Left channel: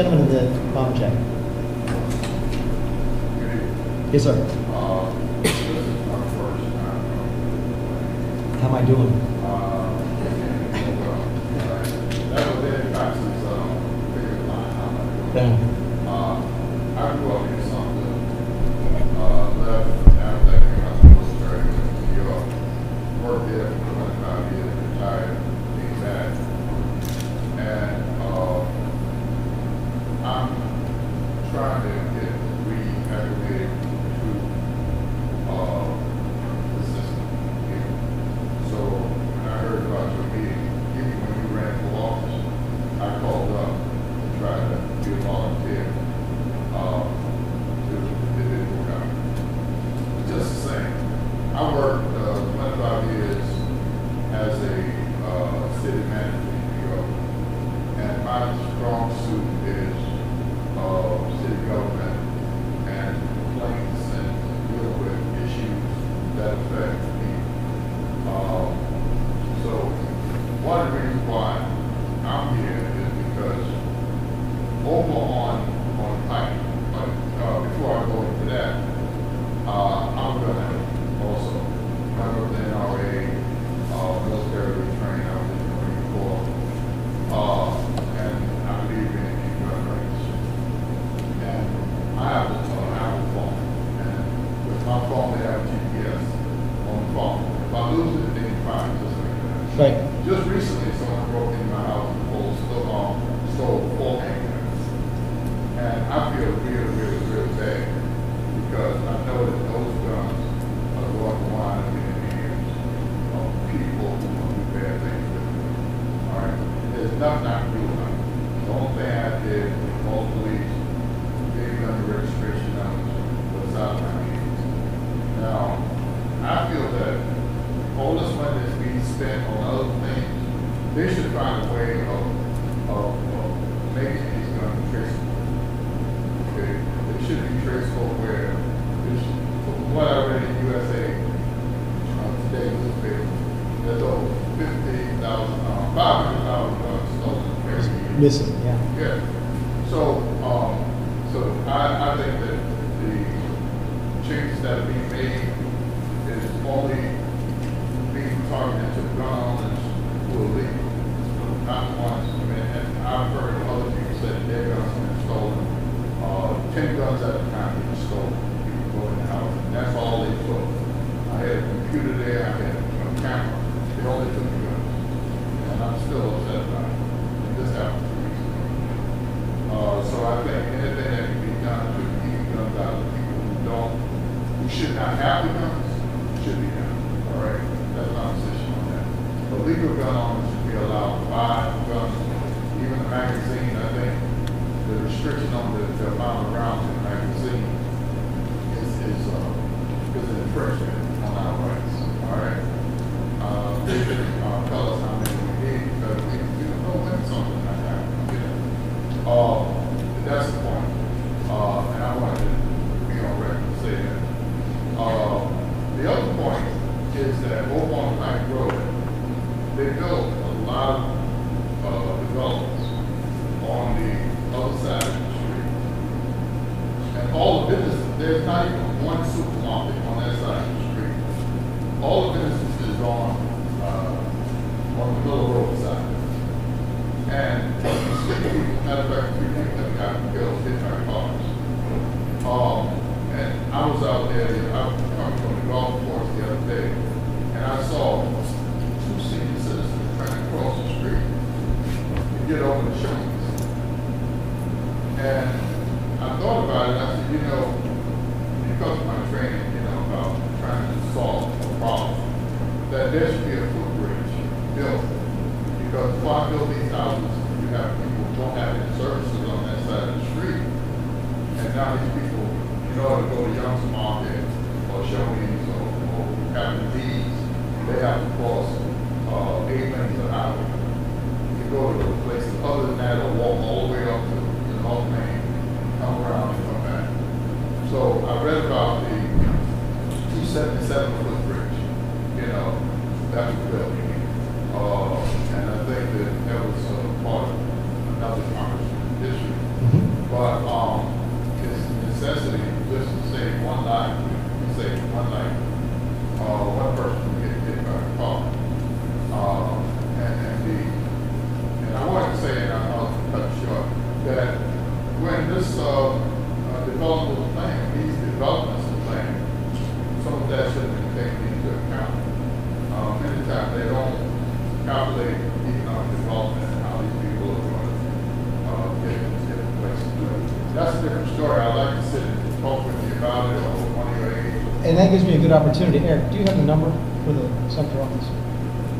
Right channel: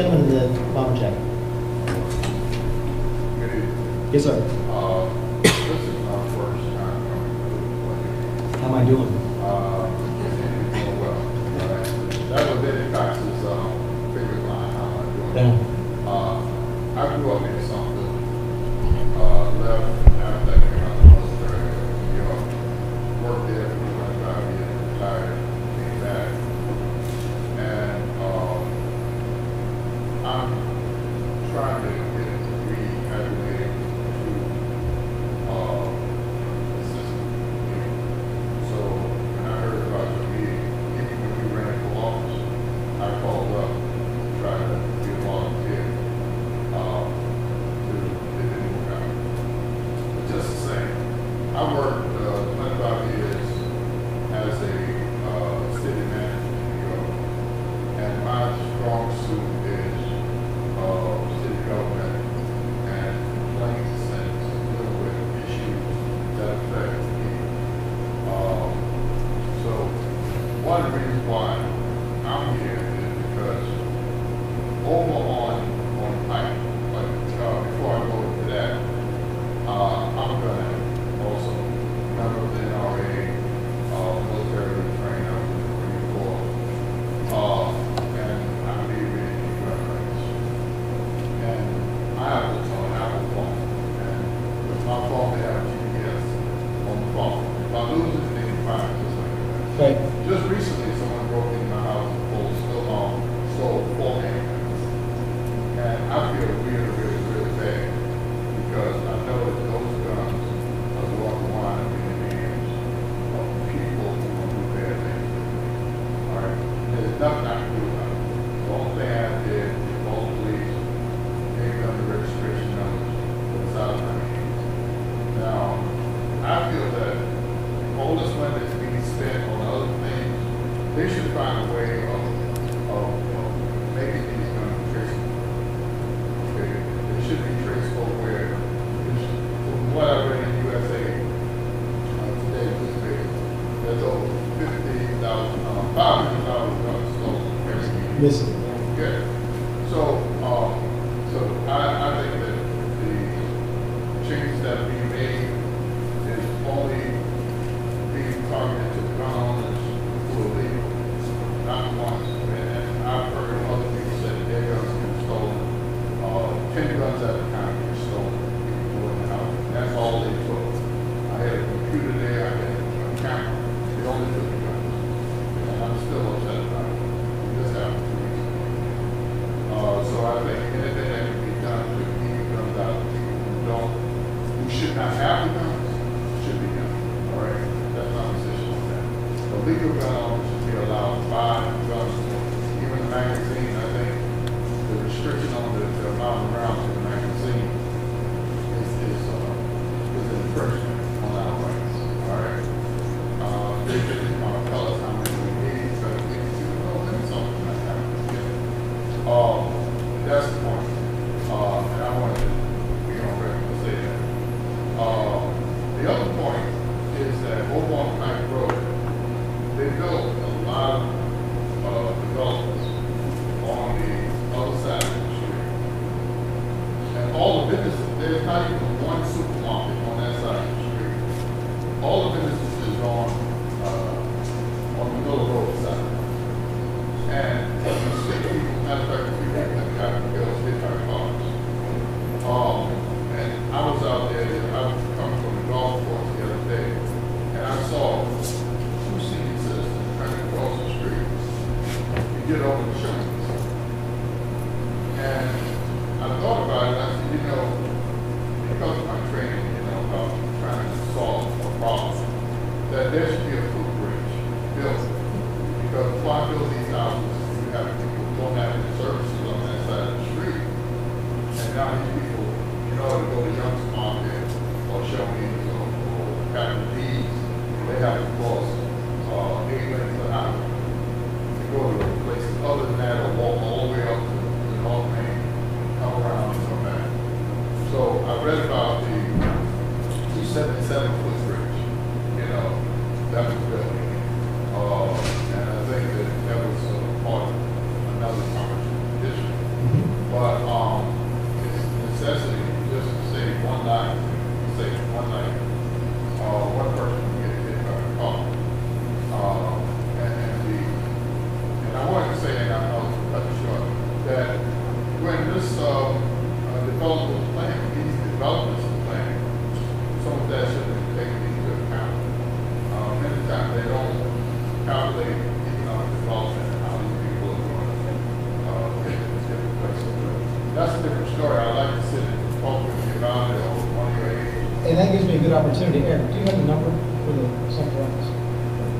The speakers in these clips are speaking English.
Gentleman in the bomber jacket. Good evening. Yes, sir. This is my first time coming to the plane. How am I doing? Well. That was Eddie Cox's favorite line, how am I doing? Yeah. I grew up in Sumter, left after I came out of the military in New York, worked there for 25 years, retired, came back, and I'm trying to get reacclimated to the system here. So when I heard about your meeting, even when you ran for office, I called up to try to be a volunteer to get it work out. But just the same, I worked 25 years as a city manager in New York, and my strong suit is city government and complaints and dealing with issues that affect people. So one of the reasons why I'm here is because over on the pipe, but before I go into that, I'm gonna also member of the NRA, military trained, I was in the Marine Corps, and I believe in gun rights. And I have an Apple phone, and with my phone they have GPS on the phone. If I lose it, they can find it just like that. Right. Just recently, someone broke into my house and stole 4 handguns. And I feel really, really, really bad because I know that those guns are going to wind up in the hands of people who want to do bad things with me. All right? And there's nothing I can do about it. The only thing I did was call the police, gave them the registration numbers, but it's out of my hands. Now, I feel that all this money that's being spent on other things, they should find a way of making these guns traceable. Okay, they should be traceable where, from what I read in USA today's newspaper, there's over 500,000 guns stolen every year. Missing, yeah. Yeah. So I think that the changes that are being made is only being targeted to gun owners who are legal, not the ones. I mean, and I've heard other people say that their guns have been stolen. 10 guns at a time being stolen. People go in the house, and that's all they took. I had a computer there, I had a camera. They only took the guns, and I'm still upset about it. And this happened 2 weeks ago. So I think anything that can be done to keep the guns out of people who should not have the guns should be done. All right. That's my position on that. The legal gun owners should be allowed to buy guns, even a magazine. I think the restriction on the amount of rounds in the magazine is an infringement on our rights. All right. They should tell us how many we need because we can do something like that. That's the point. And I wanted to be on record to say that. The other point is that over on Pike Road, they built a lot of developments on the other side of the street. And all the businesses, there's not even one supermarket on that side of the street. All the businesses is on the Miller Road side. And you see people, matter of fact, 3 people that got killed, hit by cars. And I was out there, I was coming from the golf course the other day, and I saw 2 senior citizens trying to cross the street to get over the shoulders. And I thought about it, and I said, because of my training, about trying to solve a problem, that there should be a footbridge built. Because before I build these houses, you have people who don't have any services on that side of the street. And now these people, in order to go to Young's Market or Shoney's or Captain D's, they have to cross 8 lanes an hour to go to those places. Other than that, they'll walk all the way up to the North Main, come around and come back. So I read about the 277-foot bridge, that was built. And I think that was part of another Congressman district. but it's a necessity just to say one night, one person can get hit by a car. And I wanted to say, and I'll cut it short, that when this development was planned, these developments were planned, some of that should have been taken into account. Many times they don't calculate economic development and how these people are going to get to these different places. But that's a different story. I'd like to sit and talk with you about it or one of your aides. And that gives me a good opportunity. Eric, do you have a number for the Sumter office?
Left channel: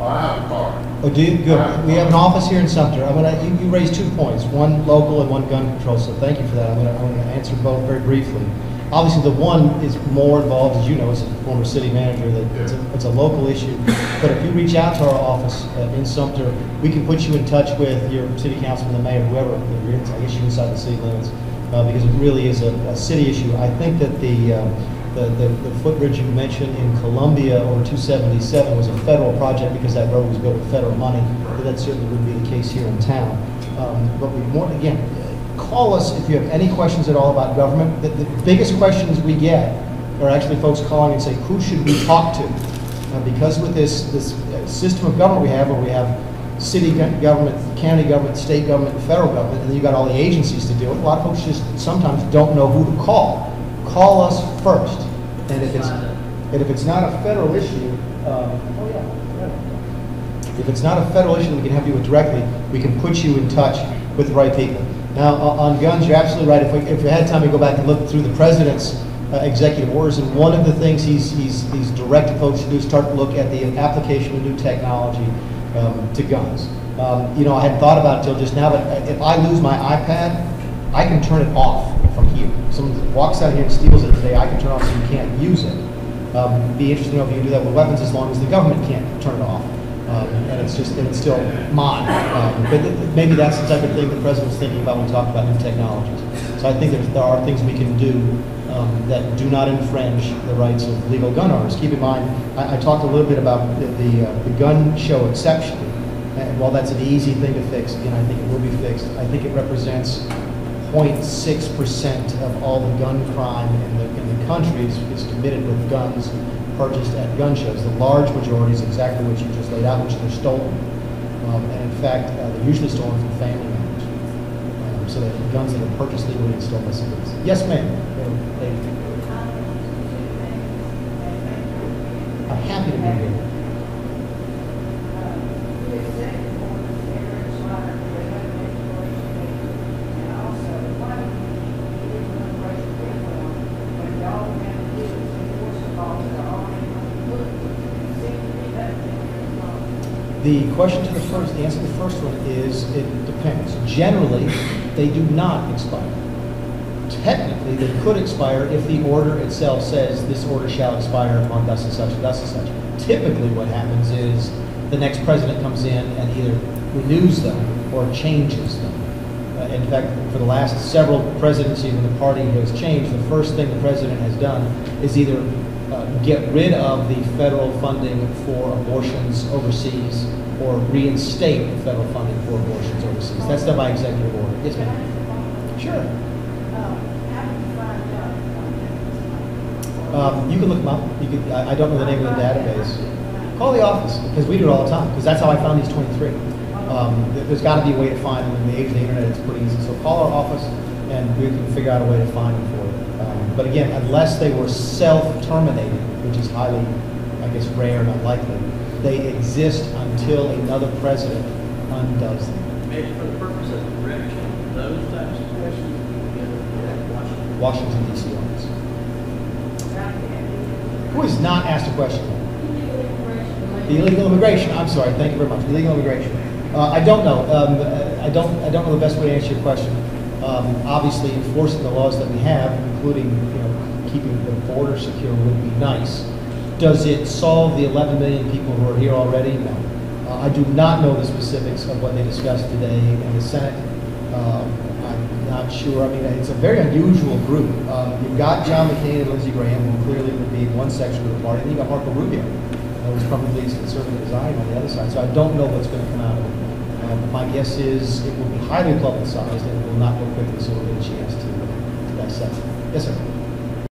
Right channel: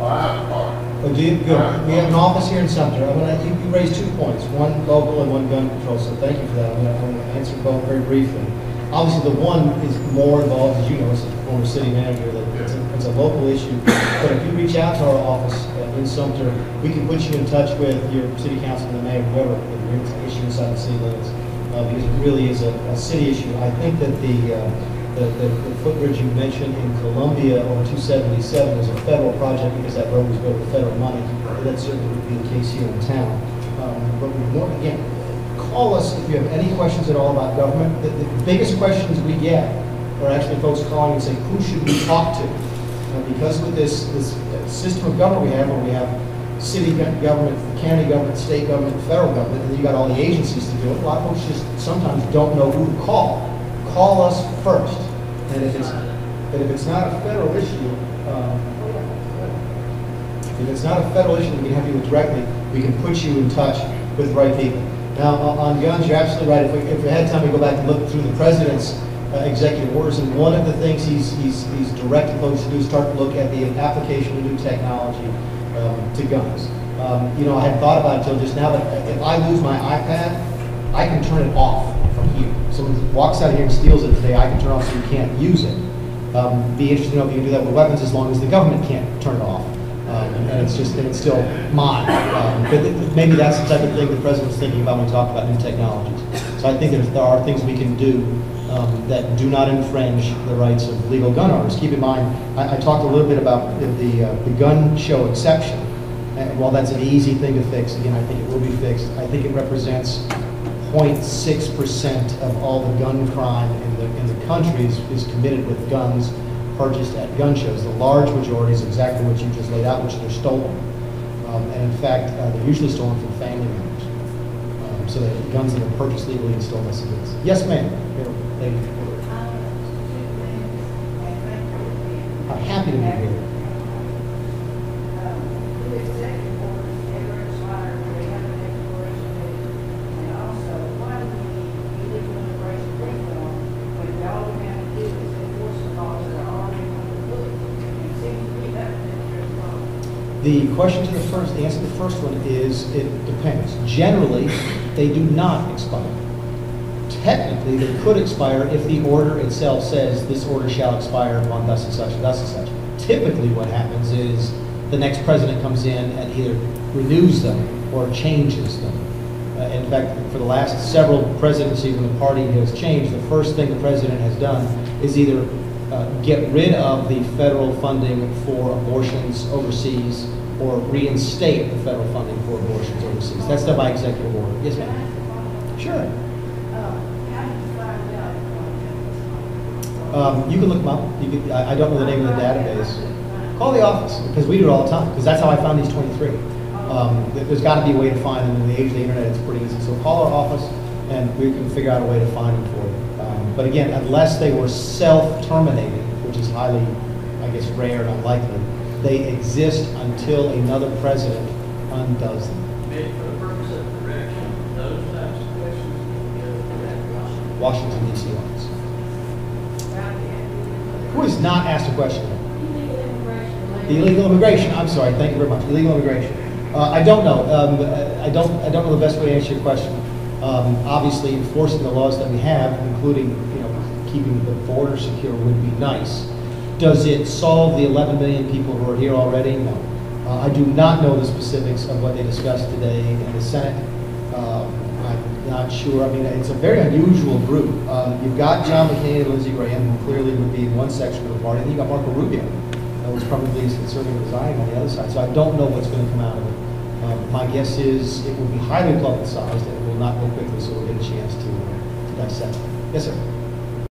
I have a card. Oh, do you? Good. We have an office here in Sumter. You raised 2 points, one local and one gun control, so thank you for that. I'm going to answer both very briefly. Obviously, the one is more involved, as you know, as a former city manager, that it's a local issue. But if you reach out to our office in Sumter, we can put you in touch with your city councilman, the mayor, whoever, if you're in issue inside the city limits, because it really is a city issue. I think that the footbridge you mentioned in Columbia on 277 was a federal project because that road was built with federal money. But that certainly would be the case here in town. But we more, again, call us if you have any questions at all about government. The biggest questions we get are actually folks calling and say, who should we talk to? Because with this system of government we have, where we have city government, county government, state government, and federal government, and then you got all the agencies to do it, a lot of folks just sometimes don't know who to call. Call us first, and if it's not a federal issue, if it's not a federal issue we can help you with directly, we can put you in touch with the right people. Now, on guns, you're absolutely right. If we had time to go back and look through the president's executive orders, and one of the things he's directed folks to do is start to look at the application of new technology to guns. You know, I hadn't thought about it until just now, but if I lose my iPad, I can turn it off from here. Someone walks out here and steals it today, I can turn it off so you can't use it. Be interesting to know if you can do that with weapons as long as the government can't turn it off. And it's still mine. But maybe that's the type of thing the president was thinking about when we talked about new technologies. So I think there are things we can do that do not infringe the rights of legal gun owners. Keep in mind, I talked a little bit about the gun show exception. And while that's an easy thing to fix, again, I think it will be fixed. I think it represents 0.6% of all the gun crime in the country is committed with guns purchased at gun shows. The large majority is exactly what you just laid out, which they're stolen. And in fact, they're usually stolen from family members. So that guns that are purchased legally and stolen by civilians. Yes, ma'am. I'm happy to be here. The answer to the first one is it depends. Generally, they do not expire. Technically, they could expire if the order itself says this order shall expire upon thus and such and thus and such. Typically what happens is the next president comes in and either renews them or changes them. In fact, for the last several presidencies when the party has changed, the first thing the president has done is either get rid of the federal funding for abortions overseas or reinstate the federal funding for abortions overseas. That's done by executive order. Yes, ma'am. Sure. You can look them up. I don't know the name of the database. Call the office, because we do it all the time, because that's how I found these 23. There's got to be a way to find them. In the age of the internet, it's pretty easy. So call our office, and we can figure out a way to find them for you. But again, unless they were self-terminated, which is highly, I guess, rare and unlikely, they exist until another president undoes them. Maybe for the purpose of correction, those types of questions you get Washington, D.C. office. Who has not asked a question? Illegal immigration. I'm sorry. Thank you very much. Illegal immigration. I don't know. I don't know the best way to answer your question. Obviously, enforcing the laws that we have, including keeping the border secure, would be nice. Does it solve the 11 million people who are here already? No. I do not know the specifics of what they discussed today in the Senate. I'm not sure. I mean, it's a very unusual group. You've got John McCain and Lindsey Graham, who clearly would be in one section of the party, and then you've got Marco Rubio, who's probably as conservative as I am on the other side. So I don't know what's going to come out of it. My guess is it will be highly publicized and it will not go quickly, so we'll get a chance to dissect. Yes, sir.